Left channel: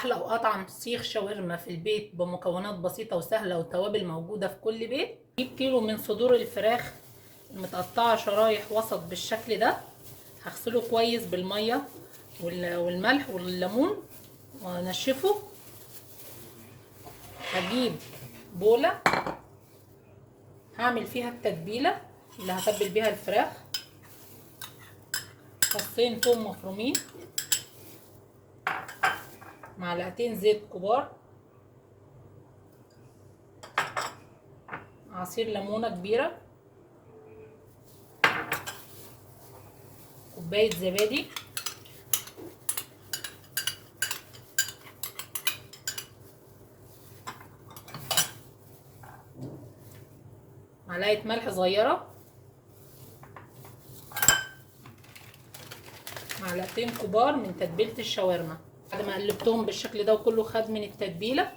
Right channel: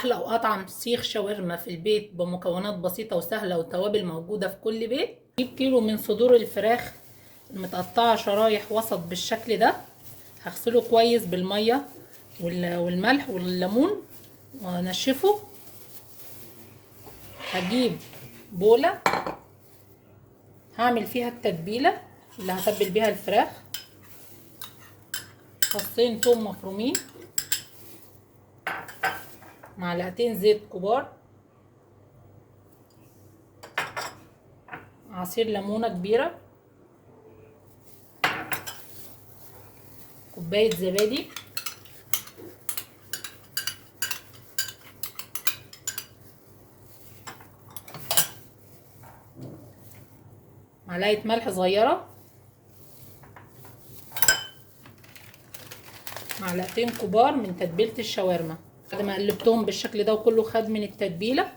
احلى واطعم سيخ شاورما في البيت بمكونات بسيطه وسهله والتوابل موجوده في كل بيت. جيب كيلو من صدور الفراخ المتقطعه شرايح وسط بالشكل ده، هغسله كويس بالميه والملح والليمون وانشفه. هجيب بوله هعمل فيها التتبيله اللي هتبل بيها الفراخ، فصين ثوم مفرومين، معلقتين زيت كبار، عصير ليمونه كبيره، كوبايه زبادي، معلقه ملح صغيره، معلقتين كبار من تتبيله الشاورما. بعد ما قلبتهم بالشكل ده وكله خد من التتبيله،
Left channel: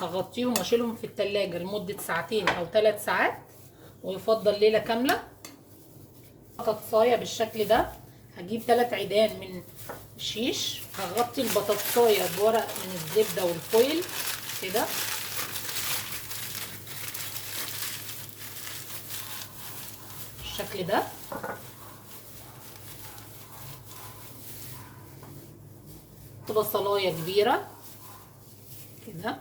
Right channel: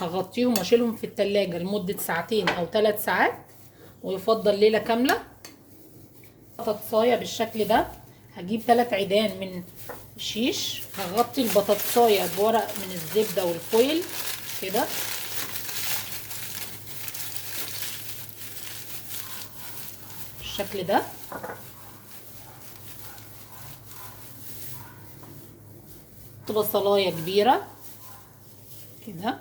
هغطيهم واشيلهم في التلاجة لمده ساعتين او 3 ساعات، ويفضل ليله كامله. بطاطسايه بالشكل ده، هجيب 3 عيدان من الشيش، هغطي البطاطسايه بورق من الزبده والفويل كده، بالشكل ده. بصلايه كبيره كده.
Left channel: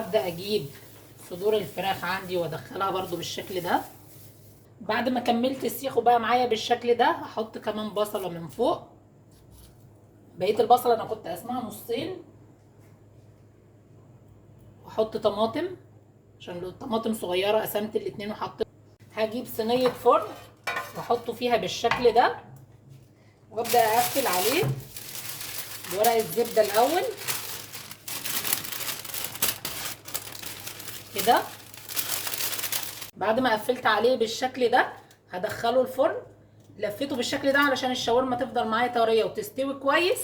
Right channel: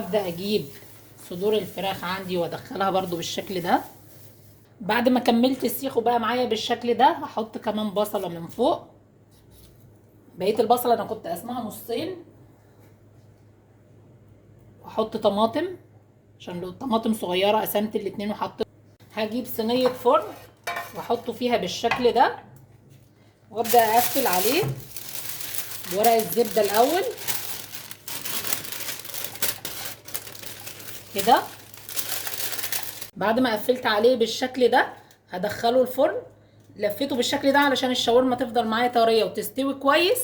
ابدا اجيب صدور الفراخ عندي وادخلها برضو بالشكل ده. بعد ما كملت السيخ وبقى معايا بالشكل ده، هحط كمان بصله من فوق. بقيه البصله انا كنت قسمها نصين. واحط طماطم، عشان لو الطماطم صغيره قسمت الاتنين وحطيت. هجيب صينيه فرن واحطه فيها بالشكل ده، وابدا اقفل عليه بورق الزبده الاول كده. بعد ما قفلت عليه بالشكل ده، هدخله الفرن. لفيته بالشكل ده علشان الشاورما تفضل معايا طريه وتستوي كويس.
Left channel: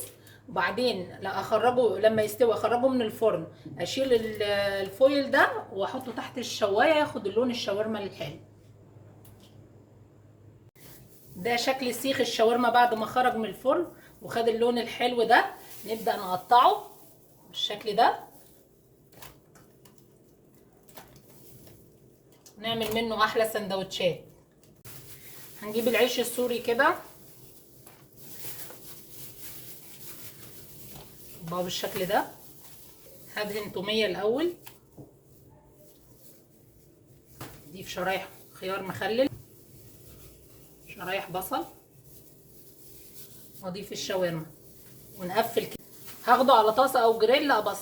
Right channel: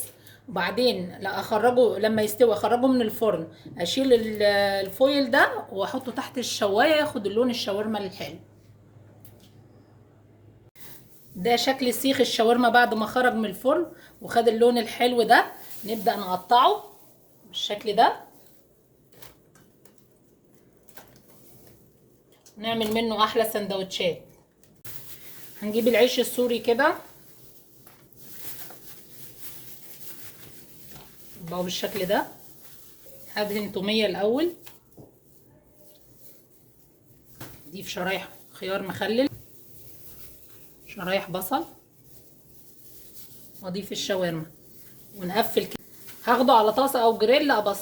وبعدين لا اخرجه، لما يستوي اخرجه من الفرن، اشيل الفويل ده واحطه تحت الشوايه ياخد اللون الشاورما الحلو. ده شكل سيخ الشاورما بعد ما خرج من الفرن وخد اللون الحلو ده. نبدأ نقطعه بالشكل ده، نعمل منه احلى سندوتشات. هنجيب العيش السوري كده بقى بالشكل ده. هدهن توميه الاول، اضيف شرايح خيار مخلل، شرايح بصل، واضيف الشاورما ونقفل كده. هاخده على طاسه او جريل ابص